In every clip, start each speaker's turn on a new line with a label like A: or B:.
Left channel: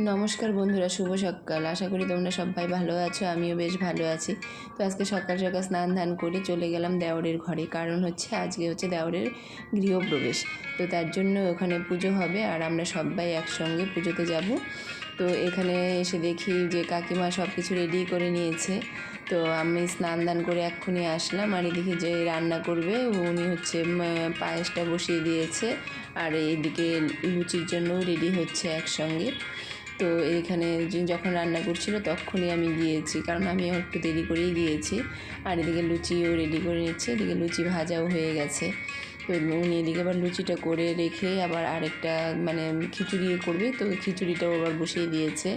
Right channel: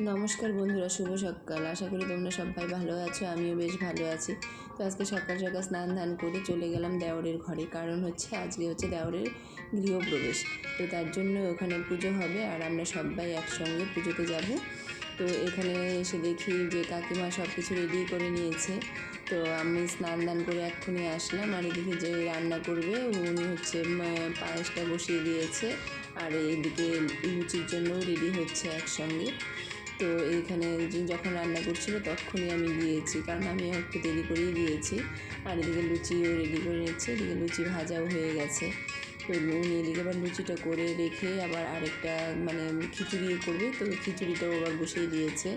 A: নমস্কার বন্ধুরা, শুভ সকাল। আশা করি তোমরা সবাই ভালো আছো, আমিও বেশ ভালো আছি। তো আজকে সকাল সকাল স্নান ধান করে চলে গেলাম দেওরের ঘরে। কারণ হচ্ছে আজকে হচ্ছে দেওরের গৃহপ্রবেশ। তো তার জন্য ওখানে পুজো হবে আর আমরা সবাই একসঙ্গে পুজোতে যাব। তো এখানে এসে দেখি যে কাকিমা সব কিছু রেডি করে নিয়েছে। তো আমি স্নান দান করে এক্ষুনি আসলাম আর এদিকে যে রান্না করবে, উনি হচ্ছে পায়েসটা বসিয়ে দিয়েছে। আর এইদিকে লুচির জন্য রেডি হচ্ছে একসঙ্গে। তো এখানে যখন রান্না করছিল তখনই আমি গিয়েছি, কারণ আমি একটু দেরি করেই গিয়েছি। আর এদিকে লুচিও রেডি করে নিচ্ছে, এদিকে লুচি ভাজাও হয়ে গেছে। তো উনি এদিকে আবার লুচিটা করে রেখে আবার আরেকটা মানে খিচুড়িও করবে, তো খিচুড়িটাও আবার বসিয়ে দিয়েছে।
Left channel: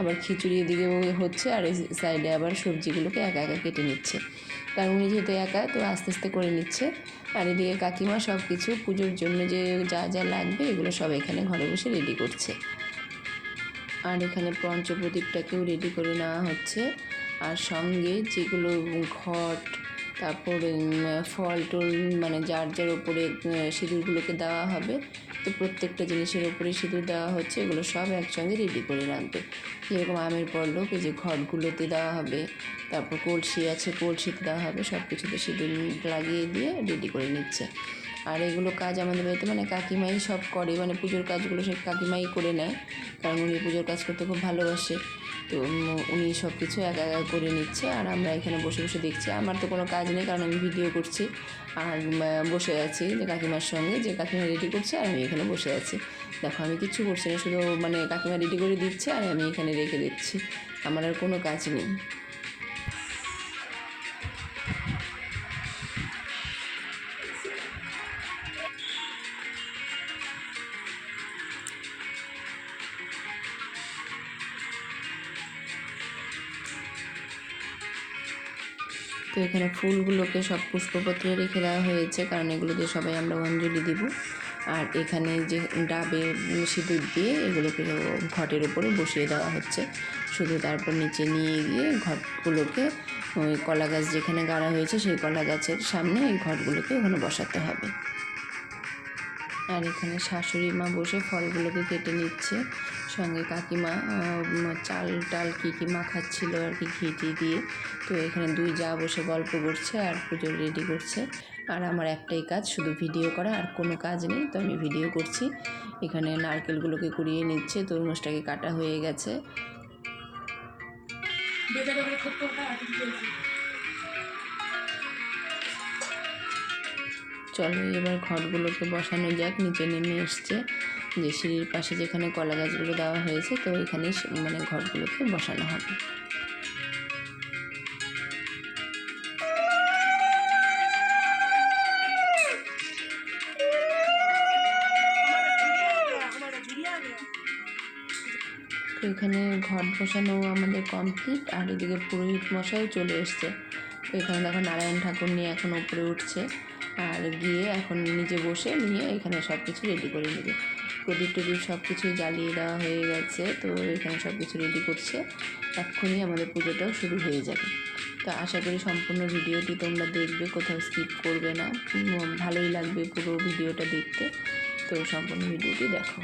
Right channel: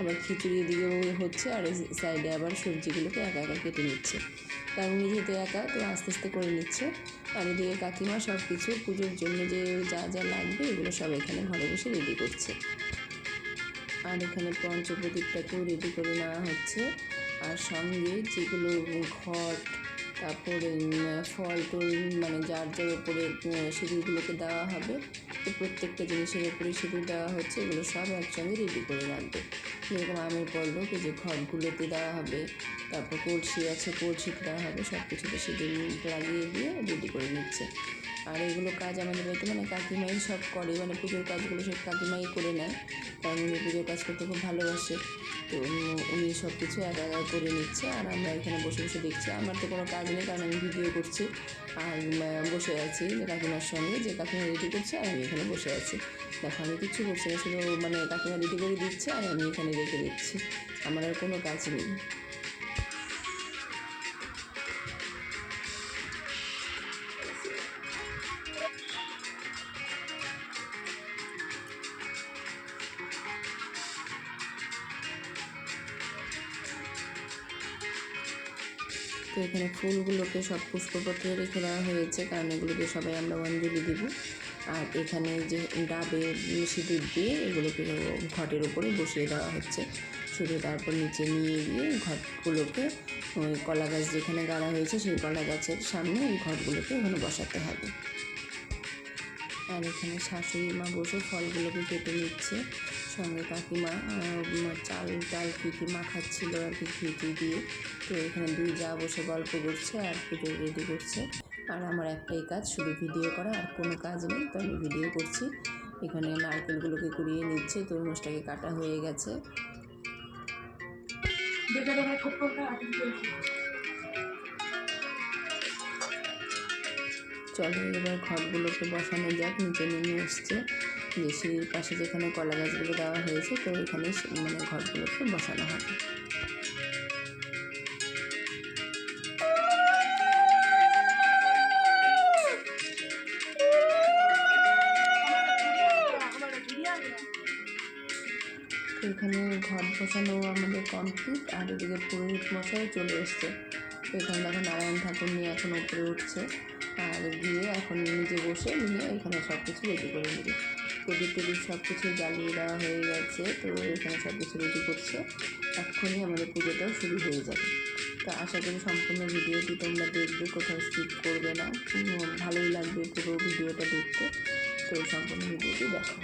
A: আবার খিচুড়ি এদিকেও হচ্ছে আর সাইডে আবার সবজিগুলোকে একা একা কেটে নিচ্ছে। কারণ উনি যেহেতু একা, তো আস্তে আস্তে করে নিচ্ছে। আর এদিকে কাকিমা সব কিছু পুজোর জন্য যে যা যা লাগবে এগুলো সব এখানে ঘরে বসে রেডি করছে। আর এখানে পঞ্চপ্রদীপটাকেও রেডি করে নেওয়া হচ্ছে। আর সঙ্গে যেগুলো ঘট, তারপরে ফল টল মানে যার যার ওপরে সিঁদুরগুলোকে দেওয়া হবে, তো প্রত্যেকটা জিনিসের ওপরে সিঁদুর দেওয়া হচ্ছে, এগুলো সব একসঙ্গে রেডি করে রাখবে। যেরকম আমের পল্লব, এই যে ঘটগুলোতে দেওয়া হবে, তারপর কলসি আছে, কলসিতে দেওয়া হবে সব কিছুতে সিঁদুর লাগিয়ে দিয়ে রেডি করে নিচ্ছে। আর এগুলো কাজ আমাদের বাড়িতে মানে কাকিমাই সব করে মানে পুজোর কাজগুলো সে কাকিমাই করে নেয়, কারণ উনি পুজোর কাজ করতে খুব ভালোবাসে। তো উনি সব কিছু একা একা করে নিচ্ছে আর আমরা এখানে বসে বসে দেখছি। আমার তো কোনো কাজ নেই কারণ আমি ভিডিও করছি আর বসে আছি যে কাকিমার সঙ্গে, যে কাকিমা রেডি করছে আমি এখানে বসে আছি। দেখো আমি কিচ্ছু করছি না, শুধু মানে কাকিমা রেডি করে দিচ্ছে আর আমি এখানে রেখে দিচ্ছি। আমার আর কোনো কাজ নেই। তো এখানে ফুলগুলোকে সব পুষ্পপত্রে রেখে দেওয়া হয়েছে, কারণ এগুলো দিয়ে সবাই আমরা অঞ্জলি দিব। আর এখানে যে ডাবে সিঁদুর দিয়ে এগুলোকে ঘটের উপরে বসিয়ে দেওয়া হচ্ছে। শুধু তারপর নিচে নিয়ে গিয়ে ঘটগুলোকে ওই কলা গাছ যেখানে গাড়া হয়েছে সেই কলা গাছের সামনে এই ঘটগুলোকে ওখানে বসাতে হবে। আর এখানে শাশুড়ি মা বসে ফলগুলোকে কেটে নিচ্ছে। সঙ্গে কাকিমা চাল টাল কী কী মাখাচ্ছিল আর কি ঘিটি দিয়ে। তো এখানে দুই যা বসে গল্প করছে আর পুজো রেডি করছে। আর আমার একটাই কাজ শুধু ভিডিও করা আর কোনো কাজ নেই। তো আমি ভিডিও করছি। এখানে নারকেলগুলোকে কুড়িয়ে নিচ্ছে তরমুজটাকে কাটা হয়ে গেছে। চলো এবার ঘরগুলোকে বসানো যাক নিচে নেমে এসছে। যে সিঁড়ির পাশে যেখানে কলা গাছগুলো দেওয়া হয়েছে, তো এখানে মানে ঘরগুলোকে বসানো হবে। তো এখানে ঘট বসানো আমাদের কমপ্লিট আর এদিকে পুরোহিত মশাইও চলে এসছে। তো এখানে দেখো নারায়ণ ঠাকুর নিয়ে এখন উপরে উঠছে, আর গিয়ে এখন নিজে বসে নিয়ে এখানে সব কিছু রেডি করে নেবে। প্রদীপ টদীপ সব কিছু জ্বালিয়ে দেওয়া হয়ে গেছে। তো এখানে সব কিছু রেডি করছে। এক্ষুনি আমাদের পুজোটাও শুরু হয়ে যাবে। তো আশা করি সম্পূর্ণ ভিডিওটি তোমরা দেখবে, কোথাও স্কিপ করবে না। ভালোই লাগবে পুরো ভিডিওটা দেখতে। তো সম্পূর্ণ ভিডিওটি দেখো।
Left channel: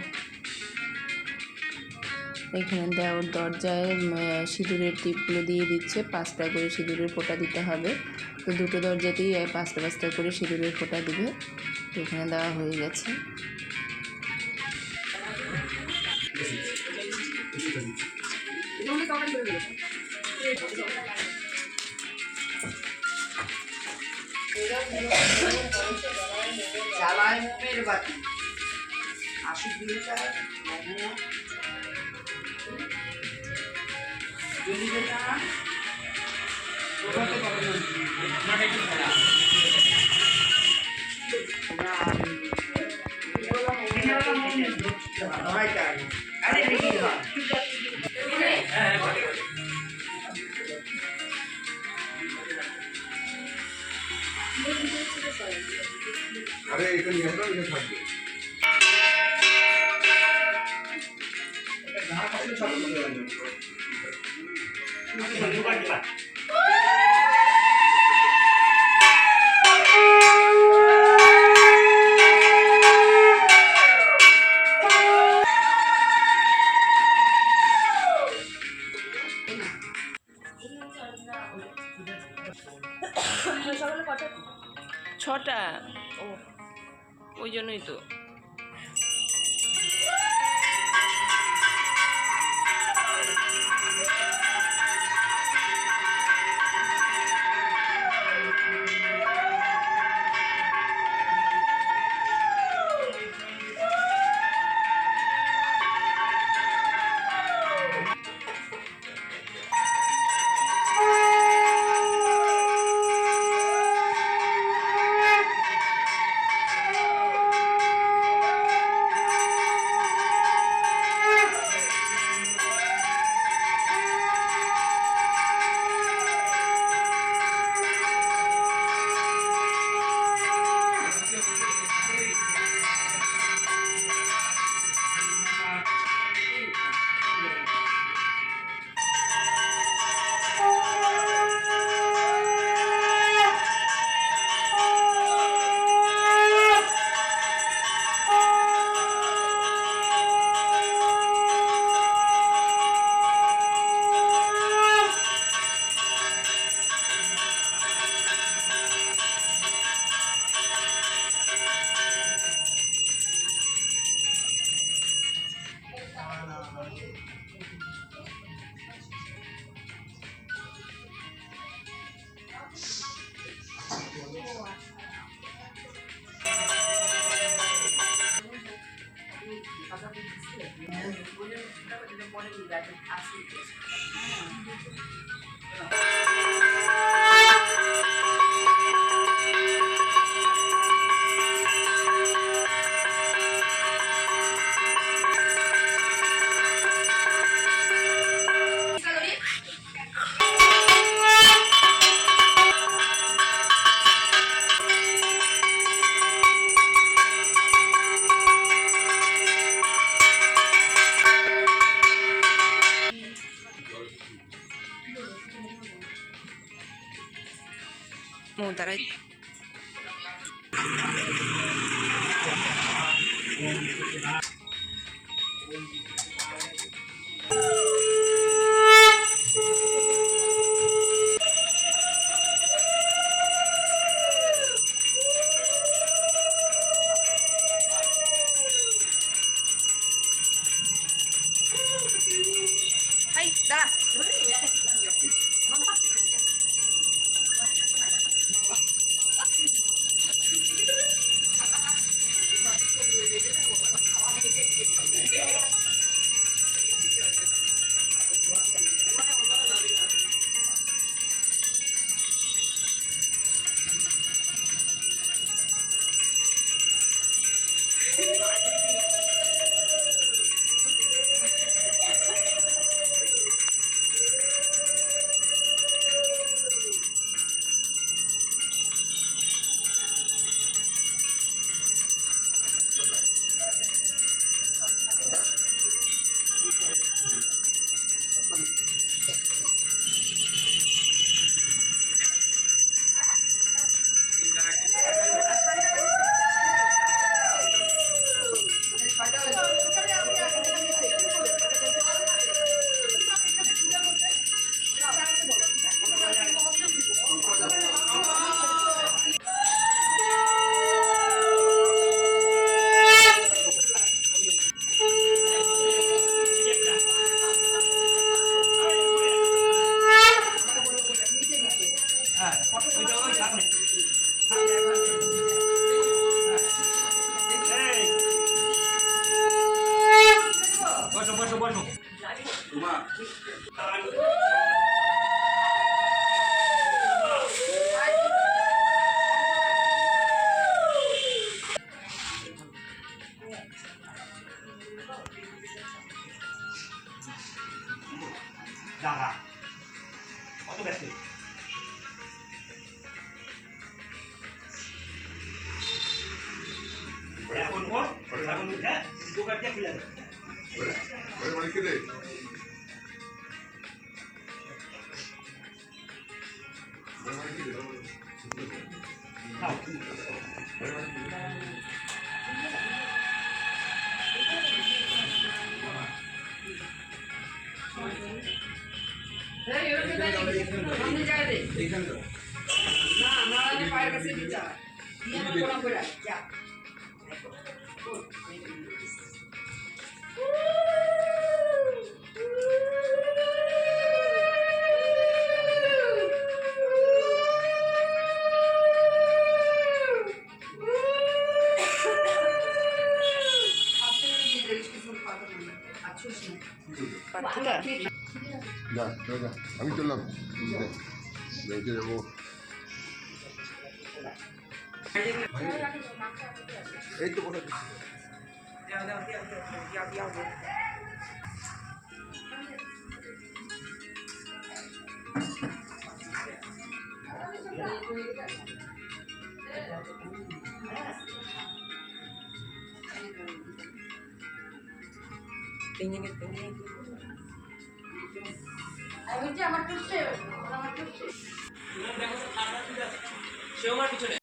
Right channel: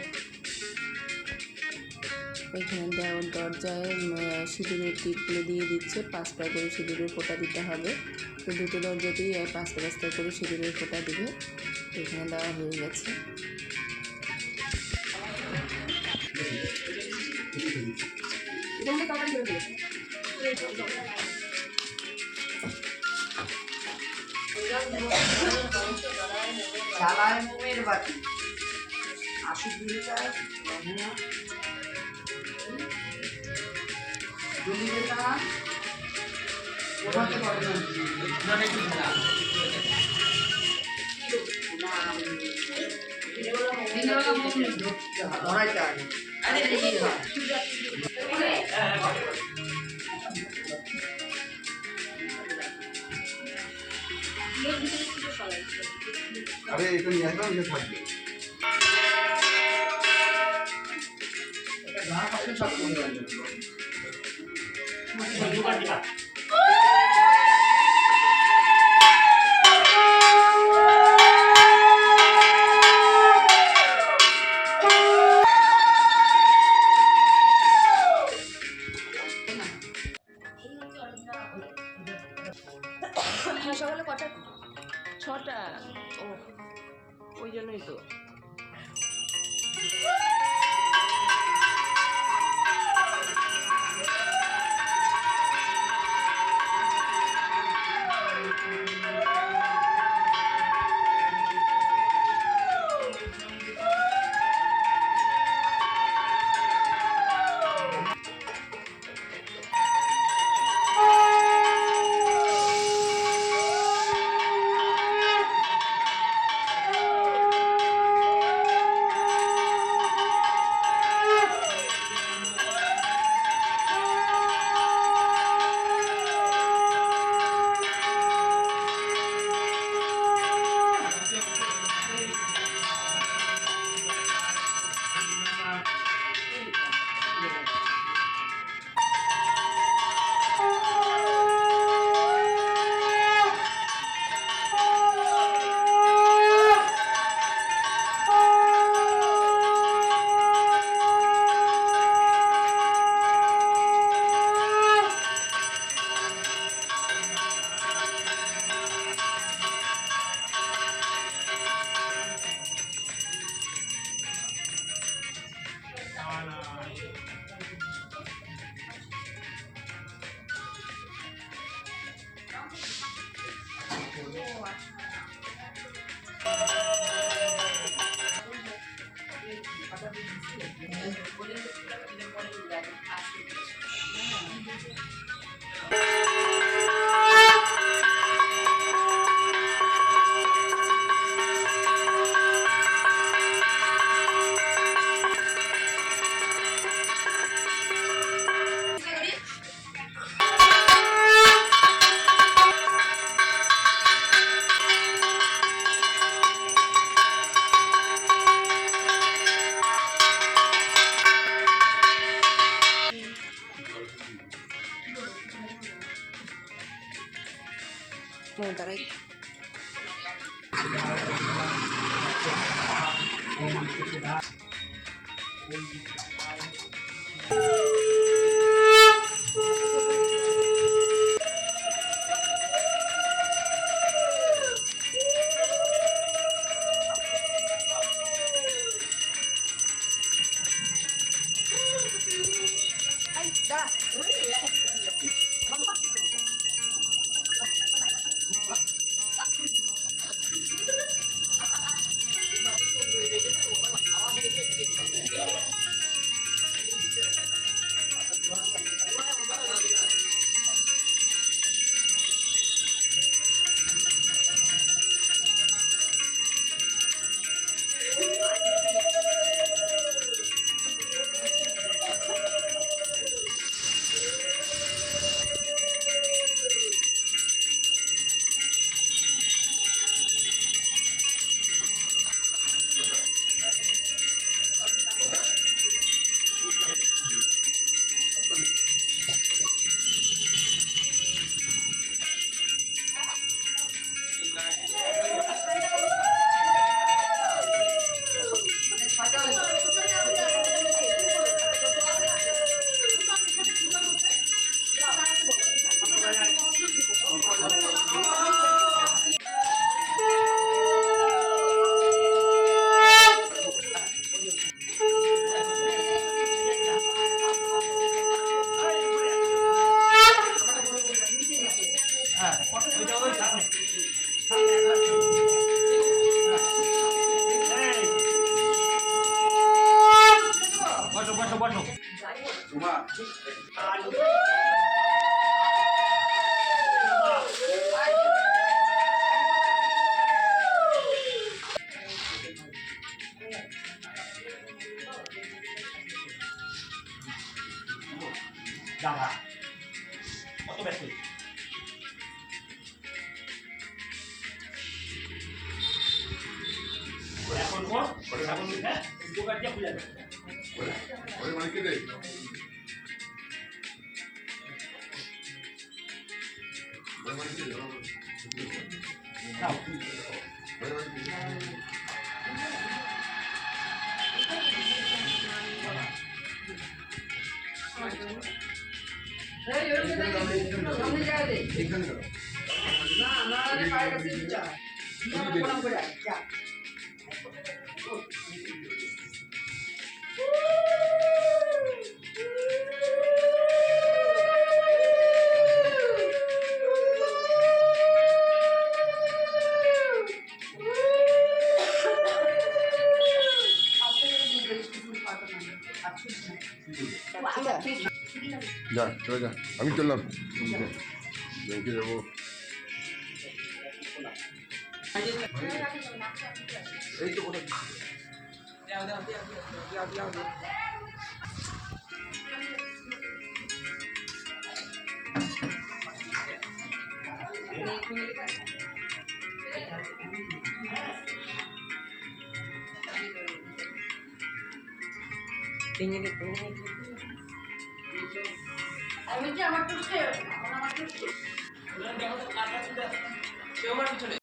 A: এখানে দেওয়ার দরজায় সিঁদুরের টিপগুলো দিয়ে দিচ্ছে। পাঁচটা করে সিঁদুরের ফোঁটা দিতে হবে। তো দুটো দরজাতেই পাঁচটা পাঁচটা করে সিঁদুরের ফোঁটা দিবে। এখানে দেওয়া হয়ে গেছে।
B: জামাই মোমের বাতি আশি দিনটা যদি বেটা ওঠাতে পারে না আরে
C: এটা নিয়ে আসলাম এটা থাকবে।
B: এটা সব
D: もうだらい。はい、
B: だ。
E: দাদা কত ব্যস্ত? এখন ওর এখন হ্যাঁ? দোকান দিয়ে খুলে দেবে
B: ওরে ওরে দে এইখানে দাও। প্রণাম করে আয়, যা
C: যা চলে যা আমি চললাম ব্যাংকে যাব এই তো কোথায়
B: আমি আমার আমার